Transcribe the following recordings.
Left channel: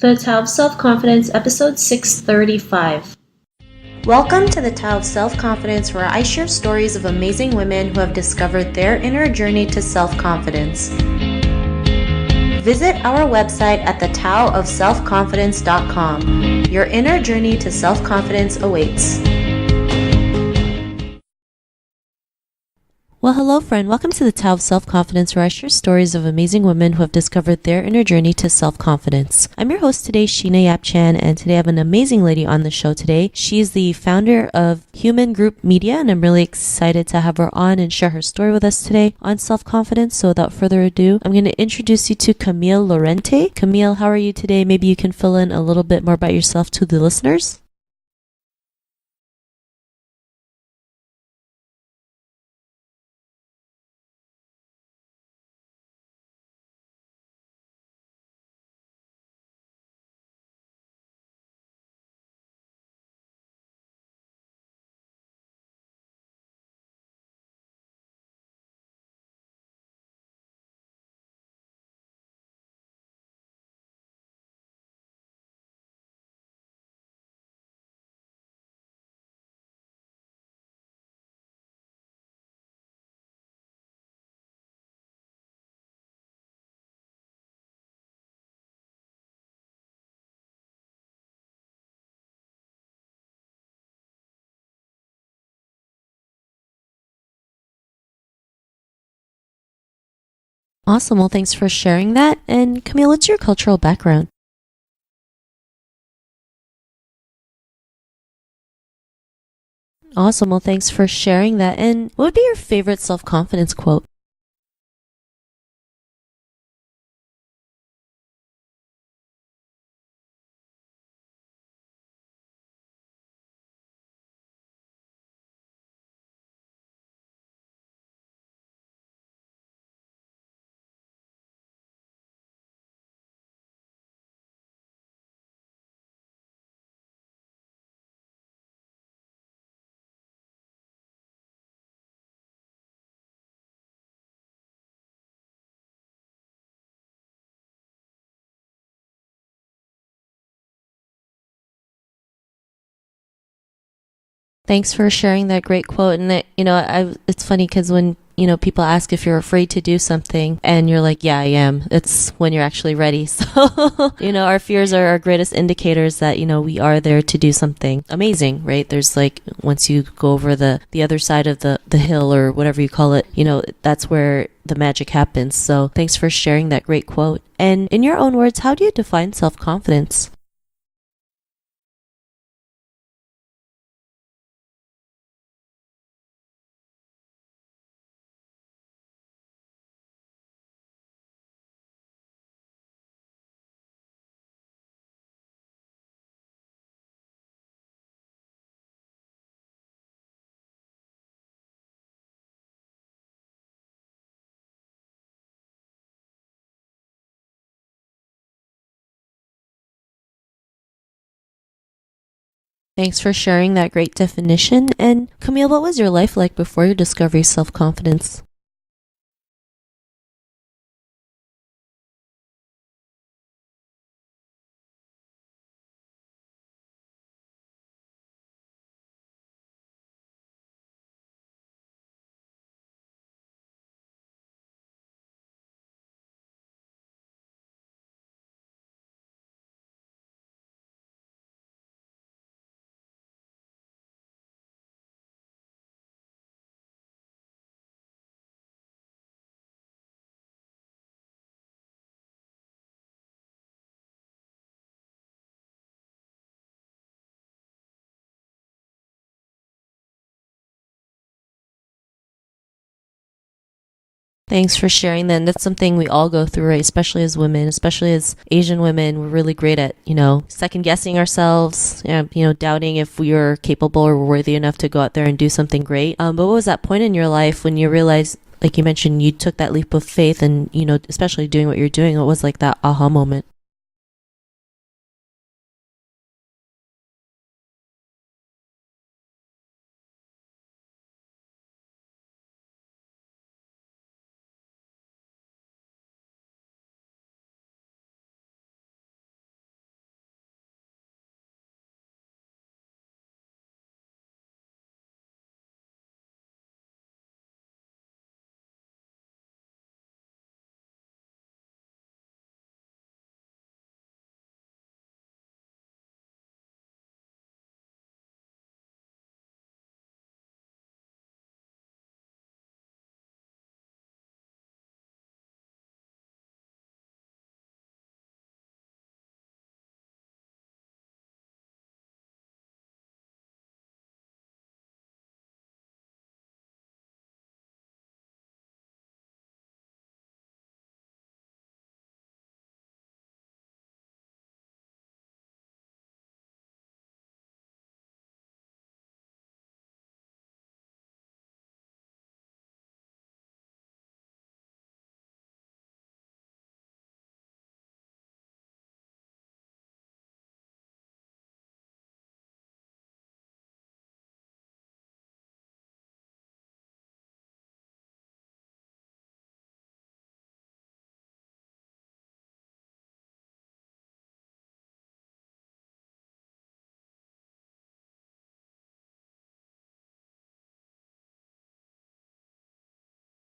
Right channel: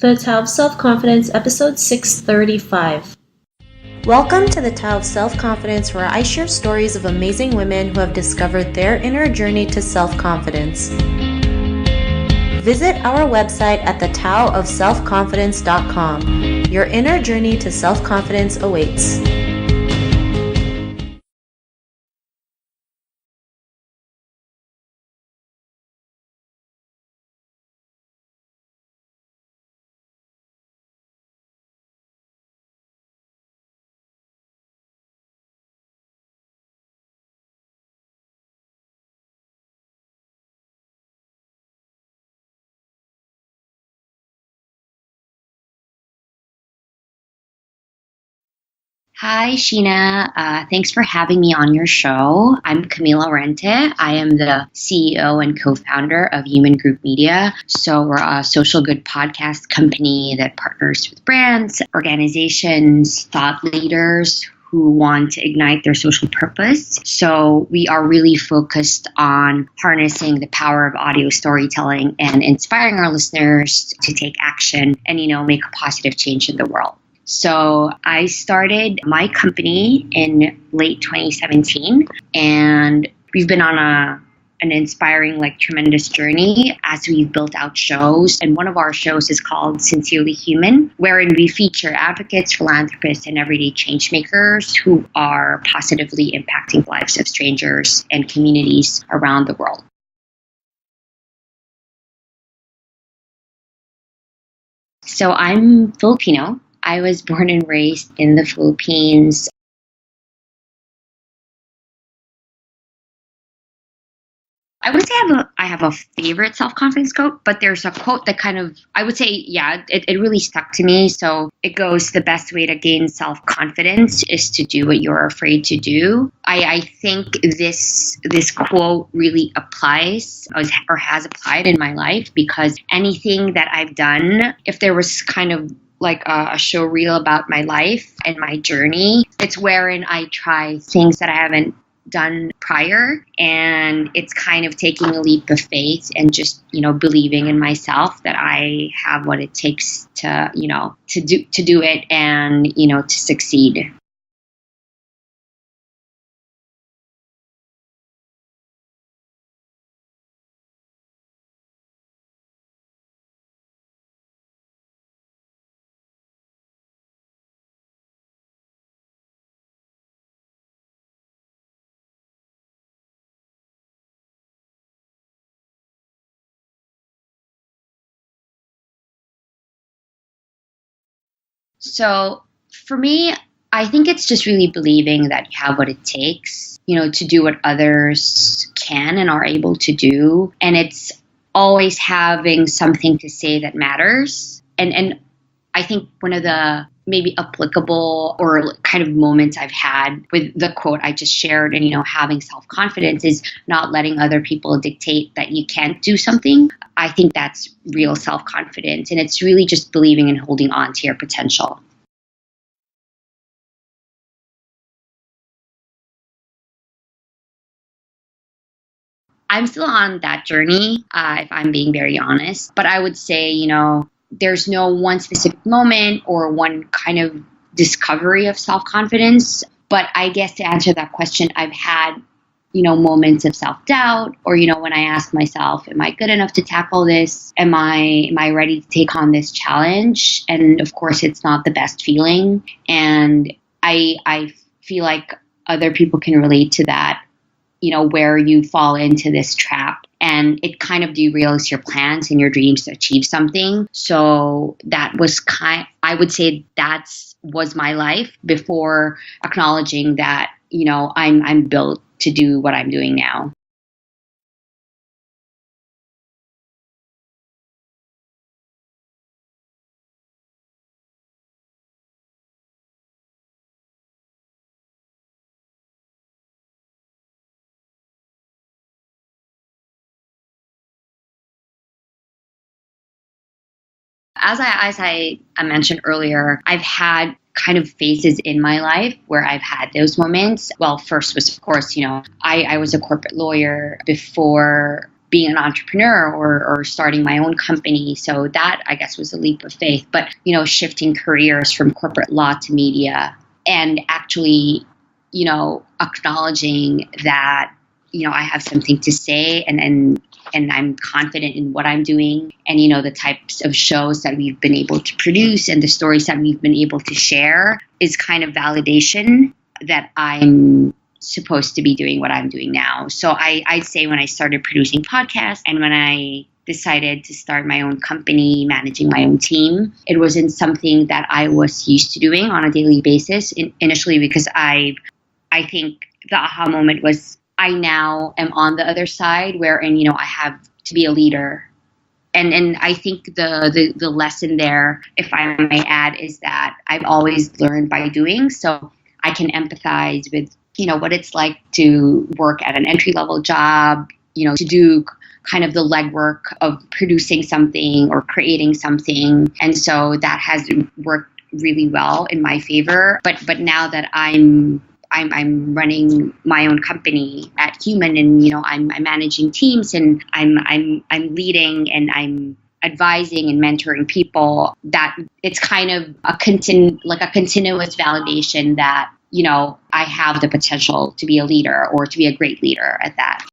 The Tao of Self-Confidence, episode 635. Welcome to the Tao of Self-Confidence, where I share stories of amazing women who have discovered their inner journey to self-confidence. Visit our website at thetaoofselfconfidence.com. Your inner journey to self-confidence awaits. Well, hello, friend. Welcome to the Tao of Self-Confidence, where I share stories of amazing women who have discovered their inner journey to self-confidence. I'm your host today, Sheena Yap Chan, and today I have an amazing lady on the show today. She's the founder of Hueman Group Media, and I'm really excited to have her on and share her story with us today on self-confidence. So without further ado, I'm going to introduce you to Camille Laurente. Camille, how are you today? Maybe you can fill in a little bit more about yourself to the listeners. Hi, Sheena. Thanks for having me on your show. I'm Camille Laurente. I am the CEO and co-founder of Hueman Group Media. So we're a social good podcast company that partners with brands, organizations, thought leaders who want to ignite their social purpose. So we are really focused on harnessing the power of audio storytelling and inspiring our listeners to take action and, make a positive change in the world. So I started my company in late 2017, and we've been on an inspiring, tremendous journey as we've built out shows. And one of our shows is called Sincerely Human, wherein we feature advocates, philanthropists, and everyday change makers who are positively impacting the lives of strangers and communities around the world. Awesome. Well, thanks for sharing that. And Camille, what's your cultural background? So I'm Filipino. I was born and raised in the Philippines. Awesome. Well, thanks for sharing that. And what would be your favorite self-confidence quote? I would say I have a favorite self-confidence quote, but there's a quote that I would say, it really stuck to me. So it goes, the best way to gain self-confidence is to do what you're afraid to do. I think this quote really applies or has applied in my life, because anything that I've done, if there was kind of like a show reel about my life and my journey, it's wherein I try things that I haven't done prior, and it's kind of taking a leap of faith and just believing in myself that I have what it takes to do it and to succeed. Thanks for sharing that great quote. And it's funny because when people ask if you're afraid to do something and you're like, yeah, I am. It's when you're actually ready. So, our fears are our greatest indicators that, we are there to do something amazing, right? There's once you go over the other side of the hill or whatever you call it, that's where the magic happens. So thanks for sharing that great quote. And in your own words, how do you define self-confidence? So for me, I think it's just really believing that you have what it takes, to do what others can and are able to do. And it's always having something to say that matters. And I think one of the maybe applicable or kind of moments I've had with the quote I just shared and, having self-confidence is not letting other people dictate that you can't do something. I think that's real self-confidence. And it's really just believing and holding on to your potential. Thanks for sharing that great definition. And Camille, what was your life like before your discovery of self-confidence? I'm still on that journey, if I'm being very honest. But I would say, there's no one specific moment or one kind of discovery of self-confidence. But I guess to answer that question, I've had, moments of self-doubt, or, when I ask myself, am I good enough to tackle this? Am I ready to take on this challenge? And of course, it's not the best feeling. And I feel like other people can relate to that, where you fall into this trap and it kind of derails your plans and your dreams to achieve something. So that was I would say was my life before acknowledging that, I'm built to do what I'm doing now. Thanks for sharing that. And that's something we all go through, right? Especially as women, especially as Asian women. We're really great at, second guessing ourselves, doubting if we are capable or worthy enough to go out there and do something great. But what was that point in your life when you realized, like you mentioned, you took that leap of faith and, especially doing what you're doing? What was that aha moment? As I mentioned earlier, I've had kind of phases in my life where I've had those moments. Well, first was, of course, I was a corporate lawyer before being an entrepreneur or starting my own company. So that, I guess, was a leap of faith. But, shifting careers from corporate law to media and actually, acknowledging that, I have something to say and I'm confident in what I'm doing and, the types of shows that we've been able to produce and the stories that we've been able to share is kind of validation that I'm supposed to be doing what I'm doing now. So I'd say when I started producing podcasts and when I decided to start my own company, managing my own team, it wasn't something that I was used to doing on a daily basis initially because I think the aha moment was I now am on the other side wherein, I have to be a leader. And I think the lesson there, if I may add, is that I've always learned by doing. So I can empathize with, what it's like to work at an entry-level job, to do kind of the legwork of producing something or creating something. And so that has worked really well in my favor. But now that I'm running my own company at Hueman and, I'm managing teams and I'm leading and I'm advising and mentoring people, that it's kind of a continuous validation that, I have the potential to be a leader or to be a great leader at that.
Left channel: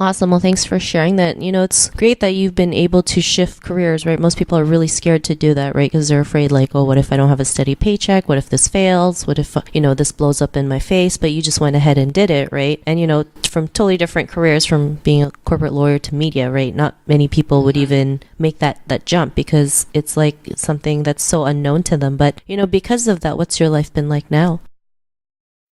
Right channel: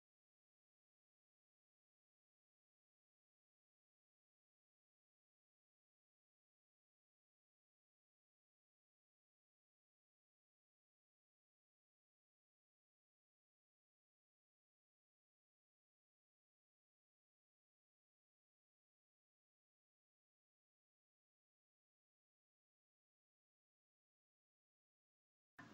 Awesome. Well, thanks for sharing that. It's great that you've been able to shift careers, right? Most people are really scared to do that, right? Because they're afraid like, oh, what if I don't have a steady paycheck? What if this fails? What if, this blows up in my face? But you just went ahead and did it, right? And, from totally different careers, from being a corporate lawyer to media, right? Not many people would even make that jump because it's like something that's so unknown to them. But, because of that, what's your life been like now?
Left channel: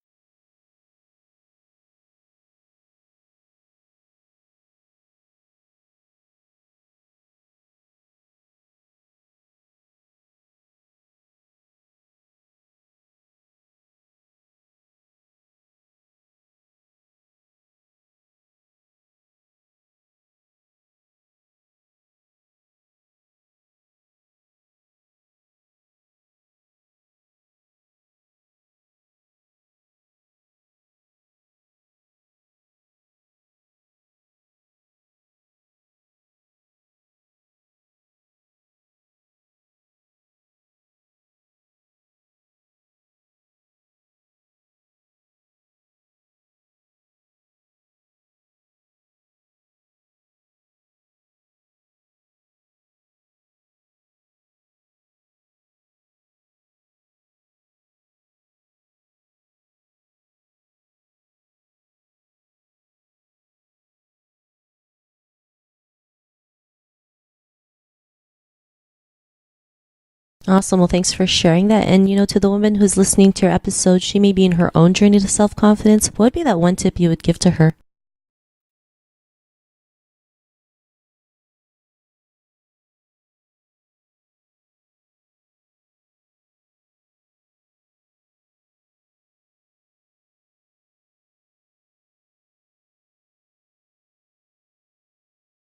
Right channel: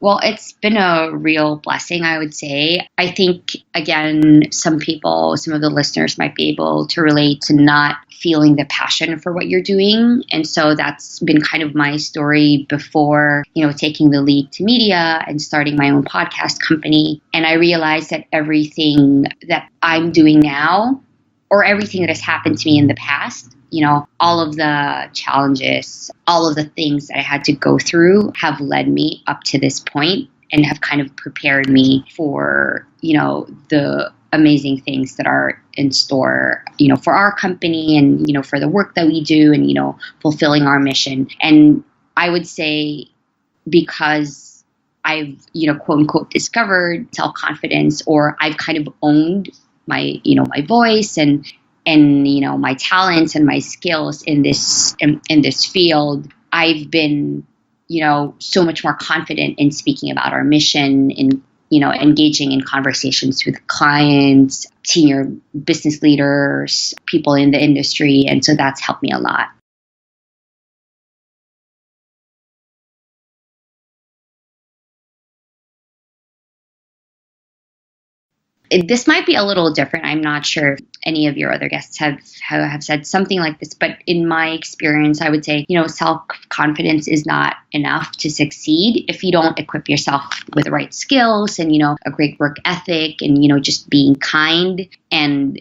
Well, it's been a real blessing, I would say. I think, again, some of the listeners might be able to relate to not feeling the passion for what you're doing. And so that's been kind of my story before, taking the leap to media and starting my own podcast company. And I realized that everything that I'm doing now or everything that has happened to me in the past, all of the challenges, all of the things that I had to go through have led me up to this point and have kind of prepared me for, the amazing things that are in store, for our company and, for the work that we do and, fulfilling our mission. And I would say because I've, quote unquote, discovered self-confidence or I've kind of owned my, my voice and my talents and my skills in this field, I've been, so much more confident in speaking about our mission, in, engaging in conversations with clients, senior business leaders, people in the industry. And so that's helped me a lot. Awesome. Well, thanks for sharing that. And, to the woman who's listening to your episode, she may be in her own journey to self-confidence. What would be that one tip you would give to her? This might be a little different. I'm not sure if any of your other guests have said something like this, but in my experience, I would say, self-confidence is not enough to succeed if you don't equip yourself with the right skills and, a great work ethic and, just being kind and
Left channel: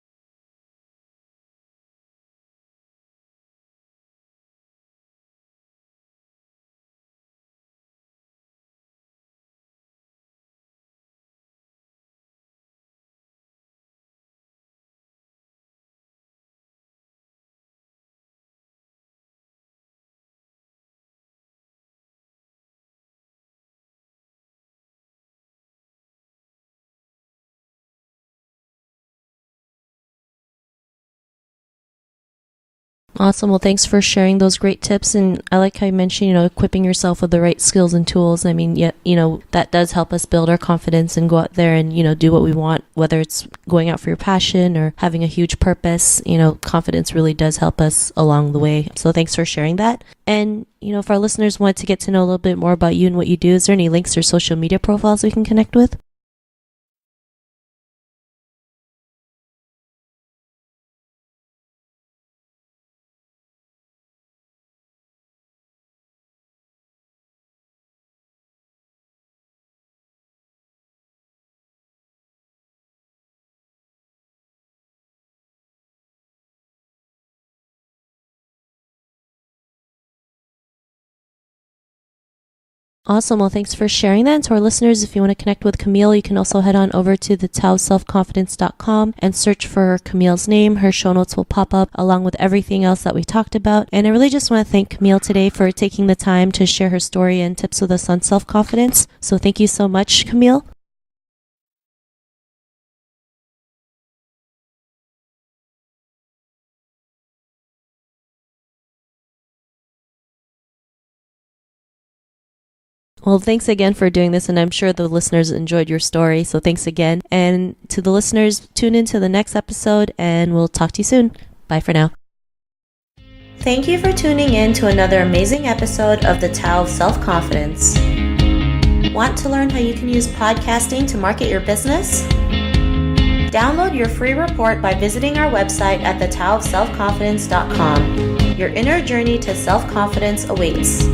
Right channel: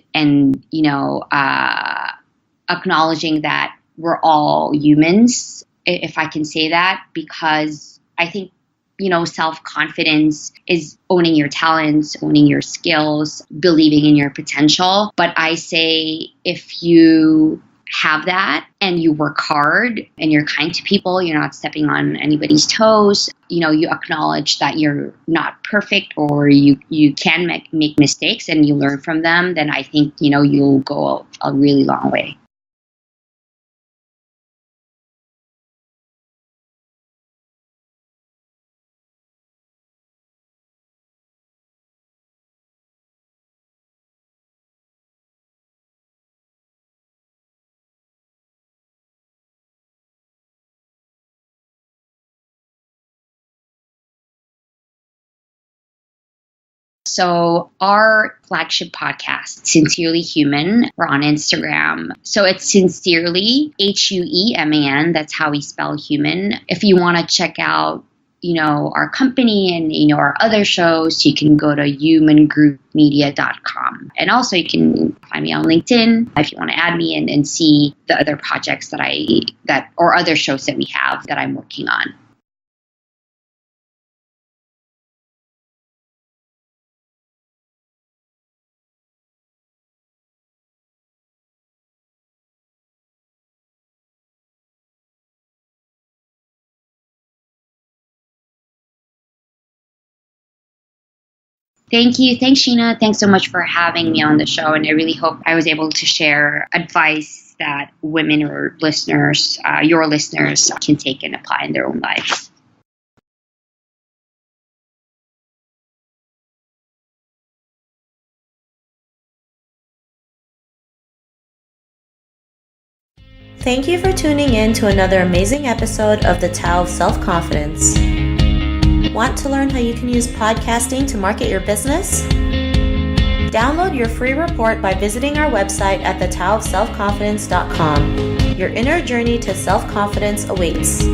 acknowledging that we're all humans, if I can say that, because I think self-confidence is owning your talents, owning your skills, believing in your potential. But I say if you have that and you work hard and you're kind to people, you're not stepping on anybody's toes, you acknowledge that you're not perfect or you can make mistakes and you learn from them, then I think, you'll go a really long way. Awesome. Well, thanks for sharing those great tips. And I like how you mentioned, equipping yourself with the right skills and tools. I mean, that does help us build our confidence and go out there and, do what we want, whether it's going out for your passion or having a huge purpose. Confidence really does help us along the way. So thanks for sharing that. And, if our listeners want to get to know a little bit more about you and what you do, is there any links or social media profiles we can connect with? So our flagship podcast, Sincerely Human, we're on Instagram. So it's Sincerely, Hueman. That's how we spell human. If you want to check out, our company and, our other shows, you can go to huemangroupmedia.com. And also you can find me on LinkedIn if you want to add me and see the other projects or other shows that we have that I'm working on. Awesome. Well, thanks for sharing that. And to our listeners, if you want to connect with Camille, you can also head on over to thetowselfconfidence.com and search for Camille's name. Her show notes will pop up along with everything else that we talked about. And I really just want to thank Camille today for taking the time to share her story and tips with us on self-confidence. So thank you so much, Camille. Thank you. Thanks, Sheena. Thanks so much for having me on the show. And I really hope I was able to share advice that women or listeners, your listeners, can take and apply in their own lives. Well, thanks again for doing this, and I'm sure the listeners enjoyed your story, so thanks again. And to the listeners, tune in to the next episode, and we'll talk to you soon. Bye for now. Thank you for tuning in to another amazing episode of The Tao of Self-Confidence. Want to learn how you can use podcasting to market your business? Download your free report by visiting our website at thetowofselfconfidence.com. Your inner journey to self-confidence awaits.